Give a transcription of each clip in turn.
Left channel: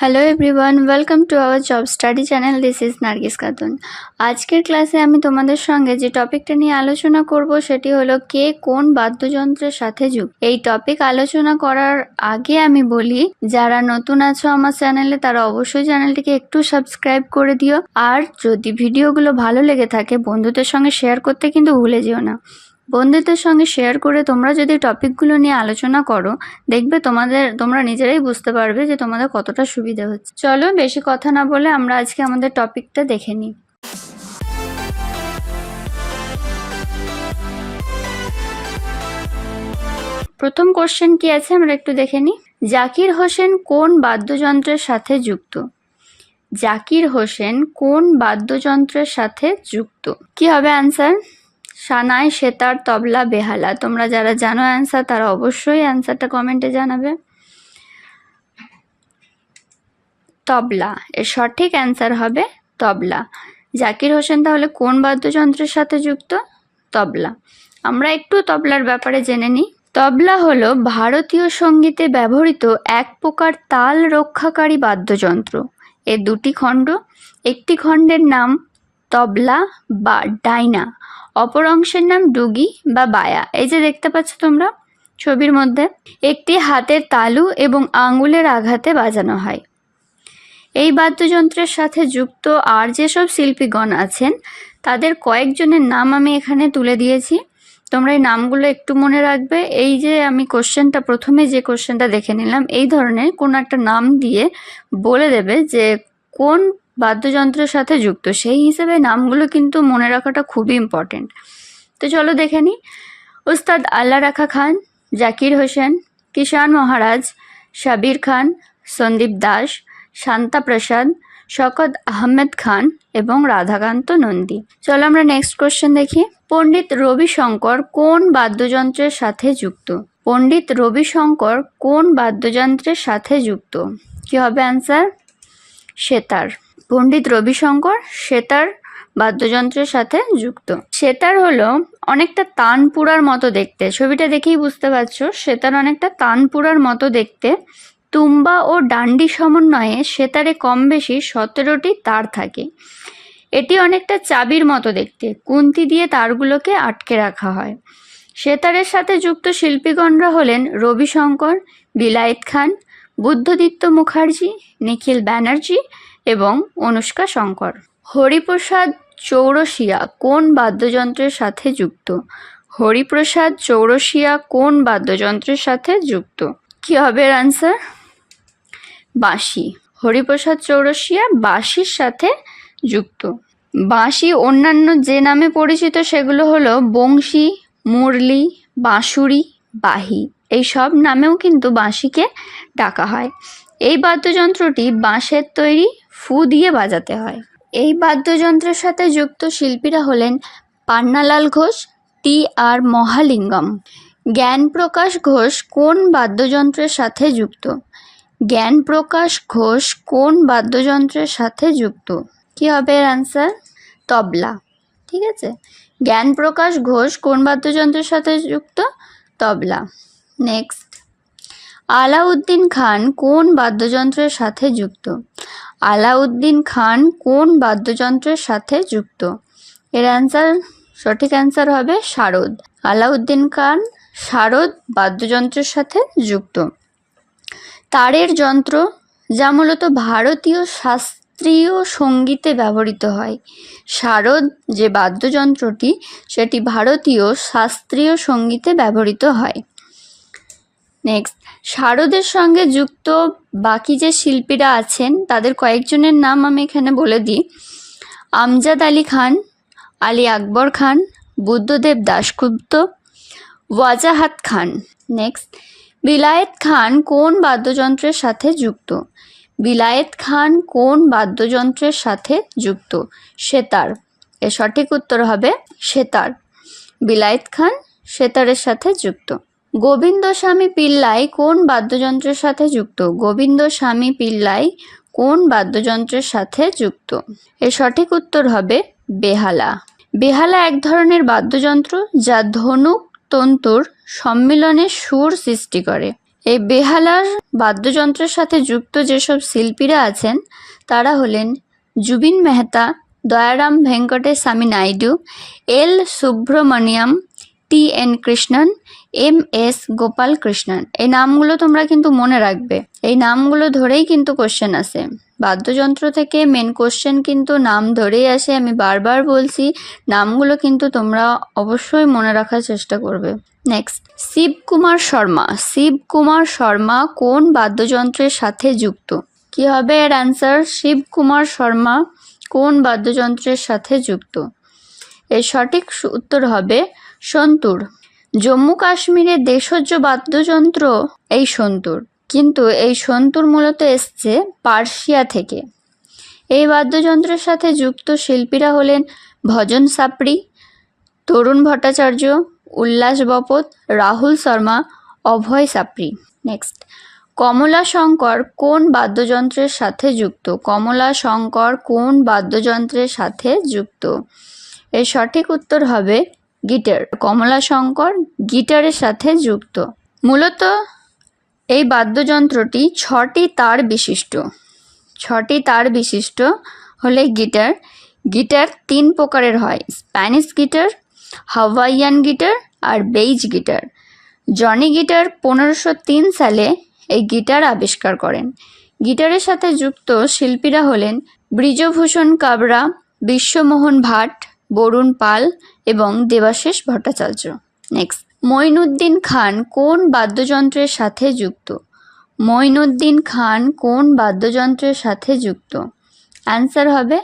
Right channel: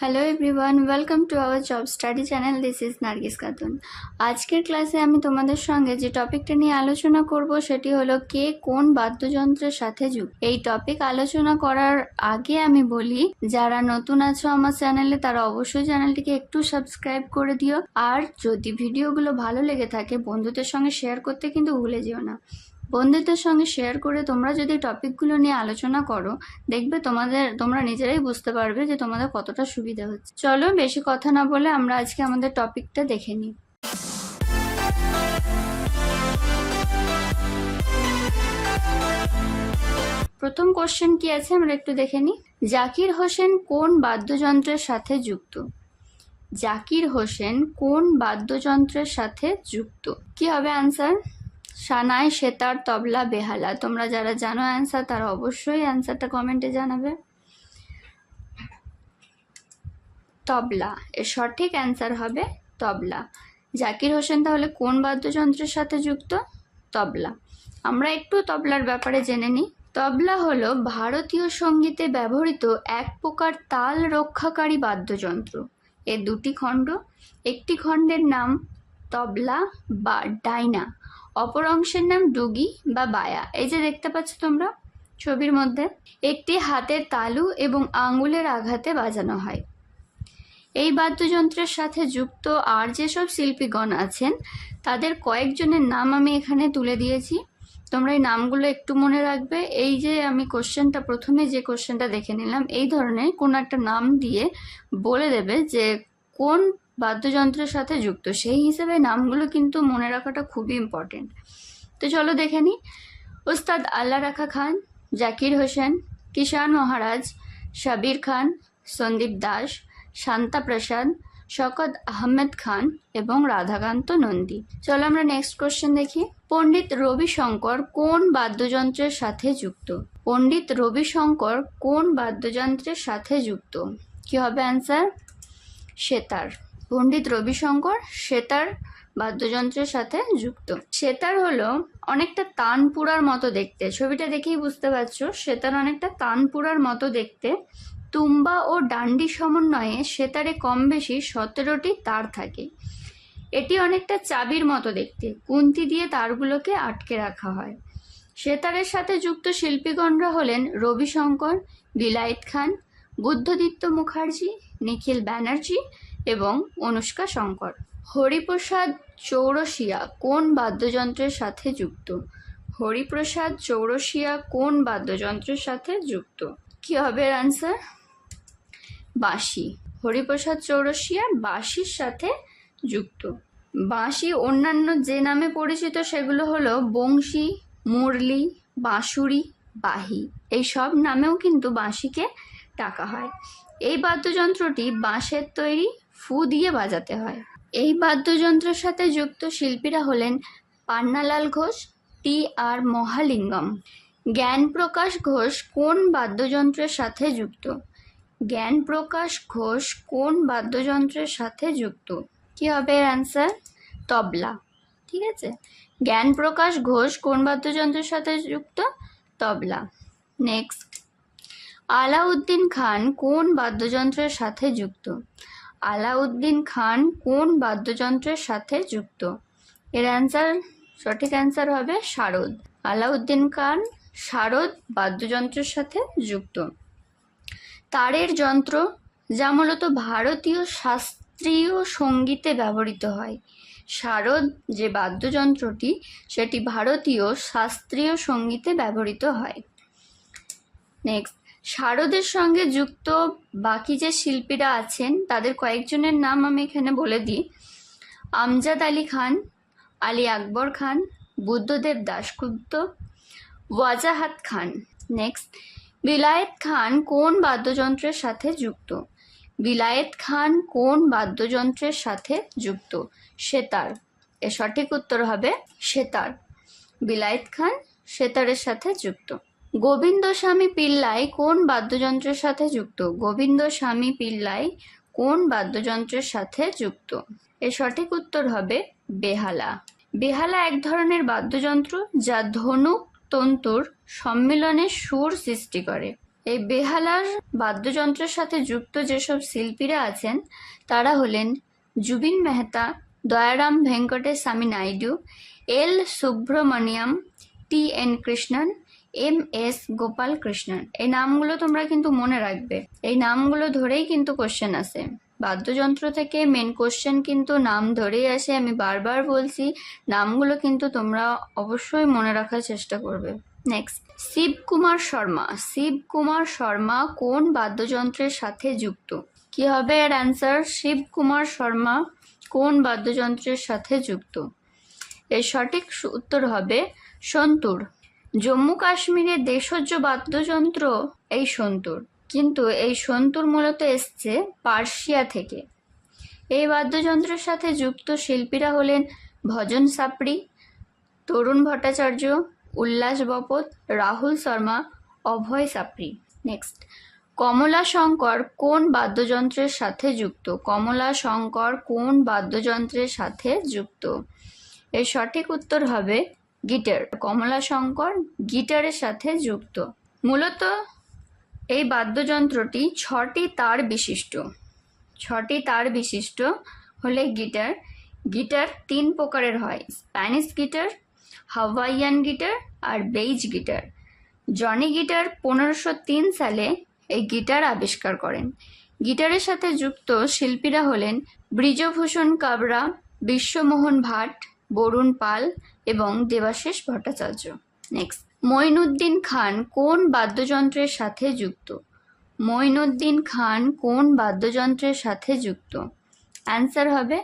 Hello everyone welcome to our job study channel this is Nargis Khatun আজকের ক্লাসে আমি তোমাদের সঙ্গে যে টপিকটা নিয়ে আলোচনা করব, সেটি হলো কে কোন বাদ্যযন্ত্রের সাথে যুক্ত? এই টপিক আলোচনা করার আগে আমি বলি, যারা নতুন আছো আমার চ্যানেলে তারা অবশ্যই চ্যানেলটিকে একটু সাবস্ক্রাইব করে দিও। আর যদি ভিডিওগুলো ভালো লেগে থাকে, বন্ধুদের সঙ্গে শেয়ার করতে কিন্তু ভুলে যেও না। বন্ধুদের সঙ্গে শেয়ার করে তোমরা যদি টপিকগুলো নিয়ে আলোচনা করো, দেখবে তোমাদের, তোমরা নিজেরাই বুঝতে পারবে যে তোমাদের কতটা সুবিধা হচ্ছে। চলো বেশি কথা না বলে আমরা আজকে আমাদের টপিকটা দেখে নিই। প্রথম কোশ্চেন কি আছে? আমরা একটু দেখে নিই। জাকির হোসেন কোন বাদ্যযন্ত্রের সাথে যুক্ত? জাকির হোসেন কোন বাদ্যযন্ত্রের সাথে যুক্ত? কি হবে অ্যান্সার সানাই, সেতার, তবলা, বেহালা। তোমরা যারা জানো অ্যান্সার তারা অবশ্যই অ্যান্সারটা কমেন্টে জানাবে। তবলা, এর সঠিক অ্যান্সার হবে তবলা। জাকির হোসেন তাহলে কোন বাদ্যযন্ত্রের সাথে যুক্ত? তবলা। আমরা একটু তবলার ব্যাপারে জেনে নিই। তবলা হলো ভারতীয় সঙ্গীতে ব্যবহৃত এক প্রকার তাল রক্ষাকারী বাদ্যযন্ত্র। এর দুটি খণ্ড। একটি খণ্ডের নাম তবলা বা ডাইনা। অপর অংশের নাম ডুগি বা বায়া। এই যে দেখতে পাচ্ছ তোমরা ছবির মধ্যে, একটি হাতের তালু এবং আঙ্গুলের আঘাতে বাজানো হয়। এই বাদ্যযন্ত্রের সাথে যুক্ত আর যেসব শিল্পীগণ আছেন, তাদের কয়েকজনের নাম আমি এখানে তুলে দিয়েছি। তোমরা এই নামগুলো একটু মনে রাখবে। এই যে আমি কোশ্চেনটা, প্রথমে যে কোশ্চেনটা দেখে নিলাম, এই ধরনের কোনো একটা নাম দিয়ে বলে দেবে যে কোন বাদ্যযন্ত্রের সাথে যুক্ত। সেই হিসেবে নামগুলো কিন্তু মনে রাখাটা খুবই ইম্পর্টেন্ট তো চলো দেখে নিই উস্তাদ আল্লা রাখা খান, জাকির হোসেন কিষান মহারাজ সাবির খান, সন্দীপ দাস, শান্তা প্রসাদ, শকত আহমেদ খান এবং রাধাকান্ত নন্দী। চলো আমরা নেক্সট কোশ্চেন দেখি। পণ্ডিত রবিশঙ্কর কোন বাদ্যযন্ত্রের সাথে যুক্ত? পণ্ডিত রবিশঙ্কর কোন বাদ্যযন্ত্রের সাথে যুক্ত? কি হবে অ্যান্সার সেতার। পণ্ডিত রবিশঙ্কর সেতার বাদ্যযন্ত্রের সাথে যুক্ত। সেতার হলো অনেকটা তানপুরার মতো দেখতে। ছবিটা দেখেই বুঝতে পারছ, সেতার অনেকটা তানপুরার মতো দেখতে। তুম্বা ও ডান্ডি সমন্বয়ে সেতারে কম বেশি সতেরোটি তার থাকে। এটি অনেকটা চাবির মতো দেখতে। কুন্তি দিয়ে তারগুলোকে আটকে রাখা হয়। সেতারের সাথে যুক্ত শিল্পীগণরা হলেন রবিশঙ্কর, বিলায়েত খান, বুদ্ধদিত্য মুখার্জি, নিখিল ব্যানার্জি এবং অনুষ্কা শঙ্কর। হরিপ্রসাদ চৌরসিয়া কোন বাদ্যযন্ত্রের সাথে যুক্ত? হরিপ্রসাদ চৌরসিয়া কোন বাদ্যযন্ত্রের সাথে যুক্ত? কি হবে এর আনসার বাঁশি। হরিপ্রসাদ চৌরসিয়া বাঁশির সাথে যুক্ত। বাঁশি অন্যান্য যে নামে পরিচিত সেগুলো হলো বংশী, মুরলি, বাঁশুরি, বাহি। এই সব নামেও কিন্তু বাঁশিকে ডাকা হয়। এই বাদ্যযন্ত্রটি বাঁশের তৈরি ফু দিয়ে বাজাতে হয়। এই বাদ্যযন্ত্রের সাথে যুক্ত শিল্পীরা হলেন পান্নালাল ঘোষ, টি আর মহালিঙ্গম। জ্ঞান প্রকাশ ঘোষ কোন বাদ্যযন্ত্রের সাথে যুক্ত? জ্ঞান প্রকাশ ঘোষ কোন বাদ্যযন্ত্রের সাথে যুক্ত? কি হবে এর অ্যান্সার তবলা। ঠিক আছে? জ্ঞানপ্রকাশ ঘোষ কোন বাদ্যযন্ত্রের সাথে যুক্ত? তবলা। নেক্সট আলাউদ্দিন খান কোন বাদ্যযন্ত্রের সাথে যুক্ত? আলাউদ্দিন খান কোন বাদ্যযন্ত্রের সাথে যুক্ত? এর অ্যান্সার সঠিক অ্যান্সার হবে শারদ। আলাউদ্দিন খান শারদ বাদ্যযন্ত্রের সাথে যুক্ত। তারের যন্ত্র, যা মূলত ভারতীয় শাস্ত্রীয় সঙ্গীতে ব্যবহৃত হয়। শারদ যে বাদ্যযন্ত্রটি, সেটি ভারতীয় শাস্ত্রীয় সঙ্গীতে ব্যবহৃত হয়। নেক্সট শারদের সঙ্গে যুক্ত বাকি যে শিল্পীরা আছেন, তাদের কয়েকজনের নাম আমি এখানে বলে দিই। আমজাদ আলী খান, আলী আকবর খান, বুদ্ধদেব দাশগুপ্ত, ওয়াজাহাত খান। নেক্সট বিলায়েত খান কোন বাদ্যযন্ত্রের সাথে যুক্ত? বিলায়েত খান কোন বাদ্যযন্ত্রের সাথে যুক্ত? সেতার। এর সঠিক উত্তর হবে সেতার। বিলায়েত খান সেতারের সাথে যুক্ত। গোবিন্দ স্বামী পিল্লাই কোন বাদ্যযন্ত্রের সাথে যুক্ত? গোবিন্দ স্বামী পিল্লাই কোন বাদ্যযন্ত্রের সাথে যুক্ত? এর সঠিক উত্তর হবে বেহালা। বেহালা এক ধরনের বাদ্যযন্ত্র যা ধনুক, তন্তুর সম্মিলনে সুর সৃষ্টি করে। এই বেহালার বাদ্যযন্ত্রের সাথে যুক্ত যেসব শিল্পীরা আছেন, তারা হলেন Zubeen Mehta, Dayaram Venkatesh Swami Naidu, L Subramaniam T N Krishnan, M S Gopal Krishnan. এই নামগুলো তোমরা কিন্তু মনে রাখবে। এই নামগুলো ধরেই কিন্তু কোশ্চেন আসে। বাদ্যযন্ত্র থেকে মেন কোশ্চেন কিন্তু নাম ধরেই আসে। আমি বারবার বলছি, নামগুলো কিন্তু তোমরা অবশ্যই মনে রাখার চেষ্টা করবে। নেক্সট শিবকুমার শর্মা। শিবকুমার শর্মা কোন বাদ্যযন্ত্রের সাথে যুক্ত? কি হবে এর অ্যান্সার শিবকুমার শর্মা কোন বাদ্যযন্ত্রের সাথে যুক্ত? এর সঠিক উত্তর হবে সন্তুর। জম্মু কাশ্মীরের দেশজ বাদ্যযন্ত্র এই সন্তুর। কিন্তু এই সন্তুর মূলত এসছে পার্সিয়া থেকে। এই বাদ্যযন্ত্রের সাথে যুক্ত শিল্পীরা হলেন ভজন সাপড়ি তরুণ ভট্টাচার্য, উল্লাস বপত, রাহুল শর্মা, অভয় সাপড়ি নেক্সট কমলা শঙ্কর কোন বাদ্যযন্ত্রের সাথে যুক্ত? কমলা শঙ্কর কোন বাদ্যযন্ত্রের সাথে যুক্ত? এর সঠিক উত্তর হবে গিটার। কমলা শঙ্কর গিটারের সাথে যুক্ত। মূলত এই বাদ্যযন্ত্রটি ছটি তার বিশিষ্ট। ছটি তার বিশিষ্ট হলে গিটার। গিটার তিন প্রকারের হয়, স্প্যানিশ গিটার, হাওয়াইয়ান গিটার আর বেইজ গিটার। জনি গিটার পনেরোশো তিন সালে এই গিটার আবিষ্কার করেন। গিটারের সাথে যুক্ত শিল্পীরা হলেন ব্রিজভূষণ কাবরা, বিশ্বমোহন ভাট বরুণ পাল এবং দেবাশিস ভট্টাচার্য। নেক্সট মঈনুদ্দিন খান কোন বাদ্যযন্ত্রের সাথে যুক্ত? মঈনুদ্দিন খান কোন বাদ্যযন্ত্রের সাথে যুক্ত? অ্যান্সার হবে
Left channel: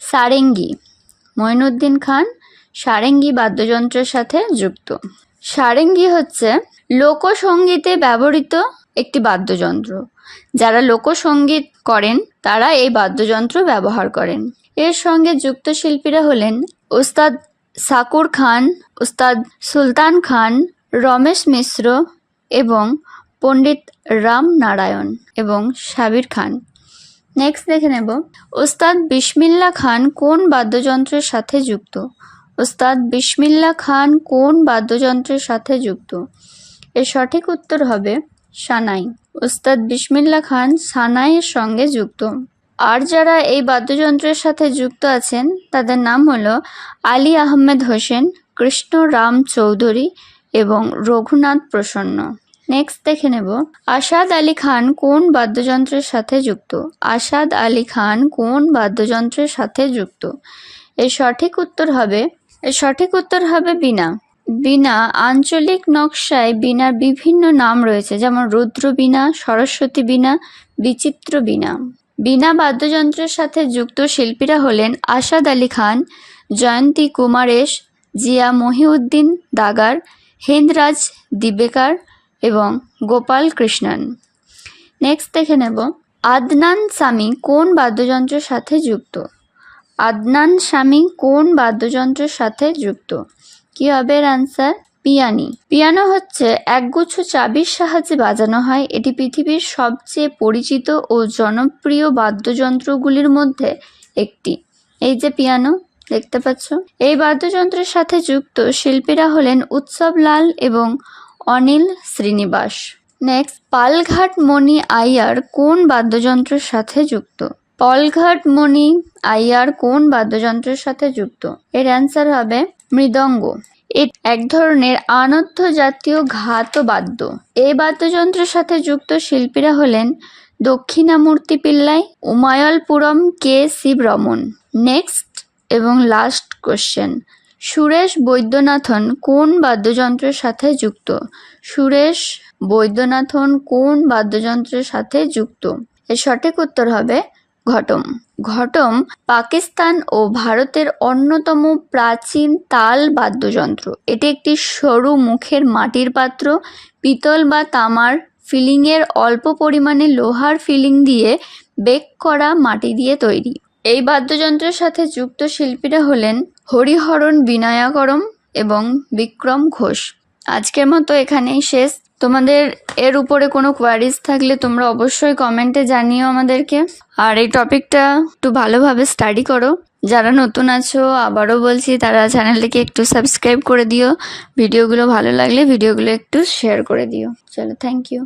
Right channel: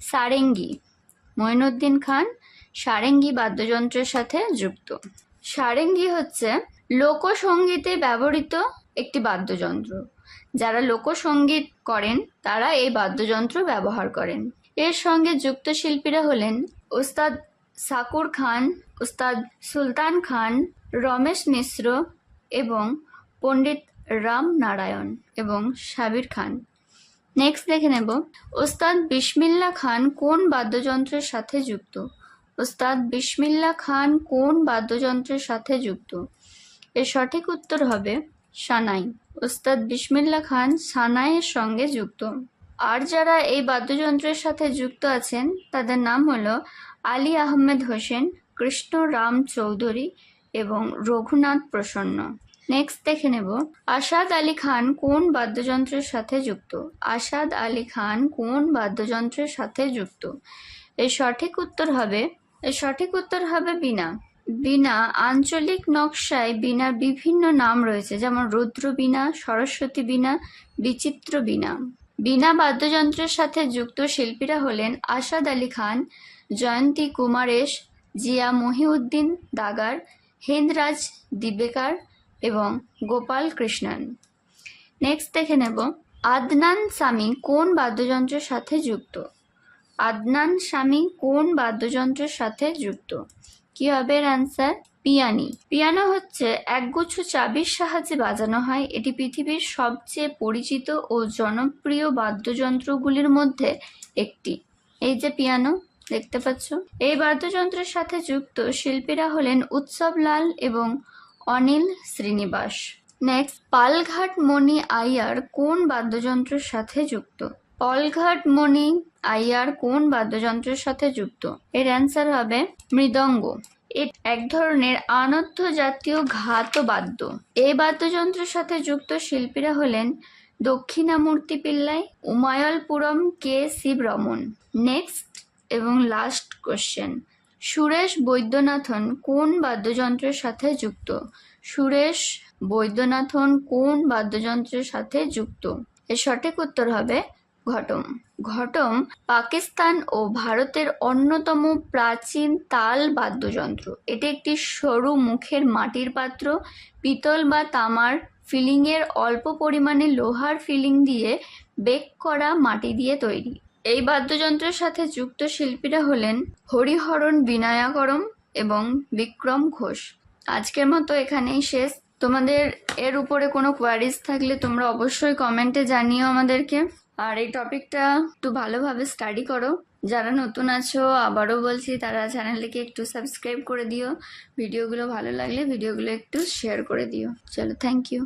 সারেঙ্গি। মঈনুদ্দিন খান সারেঙ্গি বাদ্যযন্ত্রের সাথে যুক্ত। সারেঙ্গি হচ্ছে লোকসঙ্গীতে ব্যবহৃত একটি বাদ্যযন্ত্র। যারা লোকসঙ্গীত করেন, তারা এই বাদ্যযন্ত্র ব্যবহার করেন। এর সঙ্গে যুক্ত শিল্পীরা হলেন ওস্তাদ সাকুর খান ওস্তাদ সুলতান খান, রমেশ মিশ্র এবং পণ্ডিত রাম নারায়ণ এবং সাবির খান। নেক্সট দেখে নেব। ওস্তাদ বিসমিল্লা খান কোন বাদ্যযন্ত্রের সাথে যুক্ত? ওস্তাদ বিসমিল্লা খান কোন বাদ্যযন্ত্রের সাথে যুক্ত? এর সঠিক উত্তর হবে সানাই। ওস্তাদ বিসমিল্লা খান সানাইয়ের সঙ্গে যুক্ত। আর যারা এই বাদ্যযন্ত্রের সাথে যুক্ত আছেন, তাদের নাম হলো আলী আহমেদ হোসেন, কৃষ্ণ রাম চৌধুরী এবং রঘুনাথ প্রসন্ন। নেক্সট দেখে নেব, আসাদ আলী খান কোন বাদ্যযন্ত্রের সাথে যুক্ত? আসাদ আলী খান কোন বাদ্যযন্ত্রের সাথে যুক্ত? এর সঠিক উত্তর হবে, এর সঠিক উত্তর হবে বিনা বীণা আঞ্চলিক নকশায় বীণার বিভিন্ন নাম রয়েছে, যেমন রুদ্র বীণা, সরস্বতী বীণা, বিচিত্র বীণা। বীণা বাদ্যযন্ত্রের সাথে যুক্ত শিল্পীরা হলেন আসাদ আলী খান, জয়ন্তী কুমারেশ, জিয়া মহিউদ্দিন দাগার হেন্দ্রাজ দিবেকার এবং গোপাল কৃষ্ণন। নেক্সট দেখে নেব, আদনান সামি কোন বাদ্যযন্ত্রের সাথে যুক্ত? আদনান স্বামী কোন বাদ্যযন্ত্রের সাথে যুক্ত? কি হবে এর পিয়ানি। পিয়ানো হচ্ছে একগুচ্ছ চাবির সাহায্যে বাজানো হয়। এটি পৃথিবীর সবচেয়ে পরিচিত ও জনপ্রিয় বাদ্যযন্ত্রগুলির মধ্যে একটি। এই যে পিয়ানো, দেখতে পাচ্ছ? এই বাদ্যযন্ত্রের সাথে যুক্ত শিল্পীরা হলেন উৎসব লাল এবং অনিল শ্রীনিবাস। নেক্সট, পালঘাট মণি আইয়ার কোন বাদ্যযন্ত্রের সাথে যুক্ত? পলঘাট মণি আইয়ার কোন বাদ্যযন্ত্রের সাথে যুক্ত? এর অ্যান্সার হবে মৃদঙ্গ। এক ধরনের আনর্থ জাতীয় ঘাত বাদ্য এই বাদ্যযন্ত্রের সাথে যুক্ত শিল্পীরা হলেন দক্ষিণামূর্তি পিল্লাই, উমায়লপুরম কে শিবরমন। নেক্সট এবং লাস্ট কোশ্চেন। সুরেশ বৈদ্যনাথন কোন বাদ্যযন্ত্রের সাথে যুক্ত? সুরেশ বৈদ্যনাথন কোন বাদ্যযন্ত্রের সাথে যুক্ত? এর সঠিক উত্তর হবে ঘটম। ঘটম পাকিস্তান ও ভারতের অন্যতম প্রাচীন তাল বাদ্যযন্ত্র। এটি একটি সরু মুখের মাটির পাত্র, পিতল বা তামার ফিলিংয়ের অল্প পরিমাণে লোহার ফিলিং দিয়ে বেক করা মাটি দিয়ে তৈরি। এই বাদ্যযন্ত্রের সাথে যুক্ত শিল্পীরা হলেন হরিহরণ বিনায়াকরম এবং বিক্রম ঘোষ। আজকের মতো এখানেই শেষ। তোমাদের এর উপরে কোনো কোয়ারিজ থাকলে তোমরা অবশ্যই কমেন্টে জানিও আমাদেরকে। আর এই টপিকটা একটু ভালোভাবে স্টাডি করো। যারা নতুন আছো, আবারও বলছি, তারা চ্যানেলটিকে একটু সাবস্ক্রাইব করে দিও। ভিডিওগুলো ভালো লাগলে ভিডিওগুলো একটু শেয়ার করে দিও। চলো থ্যাংক ইউ